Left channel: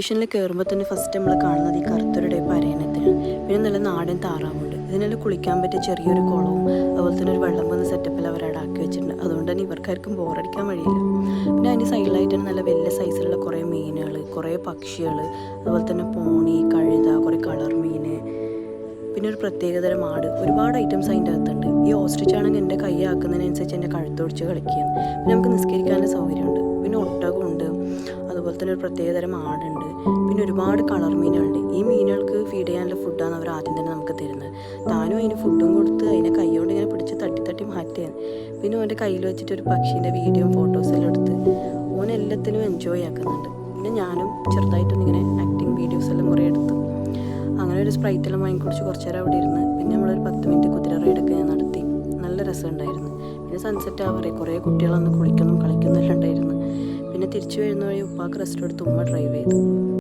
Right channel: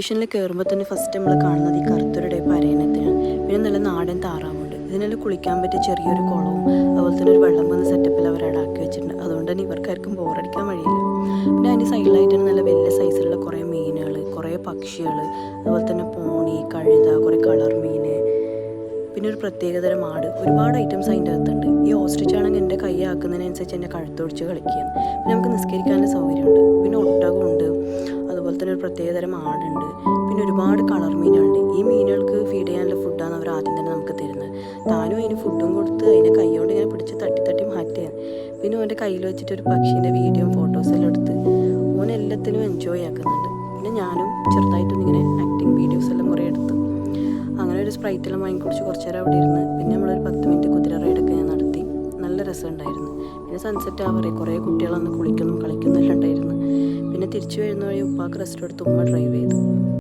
സ്റ്റേഷനിൽ കയറുമ്പോൾ തന്നെ ഫസ്റ്റ് നമ്മൾ കാണുന്നത് ഈ കറുത്തൊരു ടൈപ്പ് അരയണത്തിനാണ്. പിന്നെ നല്ല നാടൻ താറാവുണ്ട്. ഇതിനെല്ലാം കുളിക്കാൻ പറ്റിയ ചെറിയൊരു കുളവും അതുപോലെ തന്നെ ഒരു വെള്ളം പോകുന്ന സെറ്റപ്പിൽ അവരവിടെ ആക്കി വെച്ചിട്ടുണ്ട്. അതുകൊണ്ട് തന്നെ ഇവർക്കാർക്കും ബോറടിക്കാൻ വഴിയില്ല. പിന്നെ അതിൻ്റെ സൈഡിലായിട്ടാണ് നല്ല വലിയ സൈസിലുള്ള കുറേ മീനുകൾ, കുറേ പക്ഷികൾ, അതുപോലെ തന്നെ പോണി, കഴുത, കുറേ കളർ മീൻ, പിന്നെ ഒരു പ്രത്യേകതരം ആട്, ഒരുപാട് ഐറ്റംസ് അതിൻ്റെ അകത്തുണ്ട്. ഈ ഓസ്ട്രിച്ച് ആണെങ്കിൽ എൻ്റെ കൈ ആക്കുന്നതിനനുസരിച്ച് എൻ്റെ കഴുത്തൊടിച്ച് കളിക്കുകയാണ്. പിന്നെ നമുക്ക് നിസ്കരിക്കാനുള്ള സൗകര്യമുണ്ട്. പിന്നെ ഒട്ടകമുണ്ട്, അതുപോലെ തന്നെ ഒരു പ്രത്യേകതരം ആടുണ്ട്, പിന്നെ ഒരുപാട് കളർ മീനുകളുണ്ട്. ഈ മീനുകൾക്ക് ഫീഡ് ചെയ്യാനുള്ള ഫുഡാണ് അവർ ആദ്യം തന്നെ നമുക്ക് തരുന്നത്. താനും അതിന് ഫുഡും കൊടുത്ത് അതിനെ കൈകൊണ്ട് ഇങ്ങനെ പിടിച്ച് തട്ടി തട്ടി മാറ്റുകയാണ്. പിന്നെ ഓൻ്റെ കയ്യിൽ വെച്ചിട്ട് ഒരു പക്ഷീൻ്റെ വീഡിയോയും ഫോട്ടോസെല്ലാം എടുത്ത് ഓൻ എല്ലാത്തിനും എൻജോയ് ആക്കുന്നുണ്ട്. പിന്നെ ഞാനും ചെറുതായിട്ടൊന്നിങ്ങനെ ആക്ടിങ് വീഡിയോസ് എല്ലാം കുറേ എടുത്തു. അങ്ങനെ ഒരു സ്പ്രൈറ്റെല്ലാം വാങ്ങിക്കുടിച്ച് കുറച്ച് നേരം അവിടെ ഇരുന്ന് പിന്നെ നമ്മളൊരു 10 മിനിറ്റ് കുതിര റൈഡൊക്കെ ഞാൻ നടത്തി. നല്ല രസമുണ്ടായിരുന്നു. പിന്നെ സൺസെറ്റ് ആവാറേ കുറേ കുട്ടികളൊന്ന് കുളിക്കുന്നു കളിക്കുന്നെല്ലാം ഉണ്ടായിരുന്നു. പിന്നെ തിരിച്ചു വരുന്ന വഴി ഉപ്പാക്ക് റെസ്റ്റ് എടുത്ത് ഉമ്മ ഡ്രൈവ് ചെയ്തു.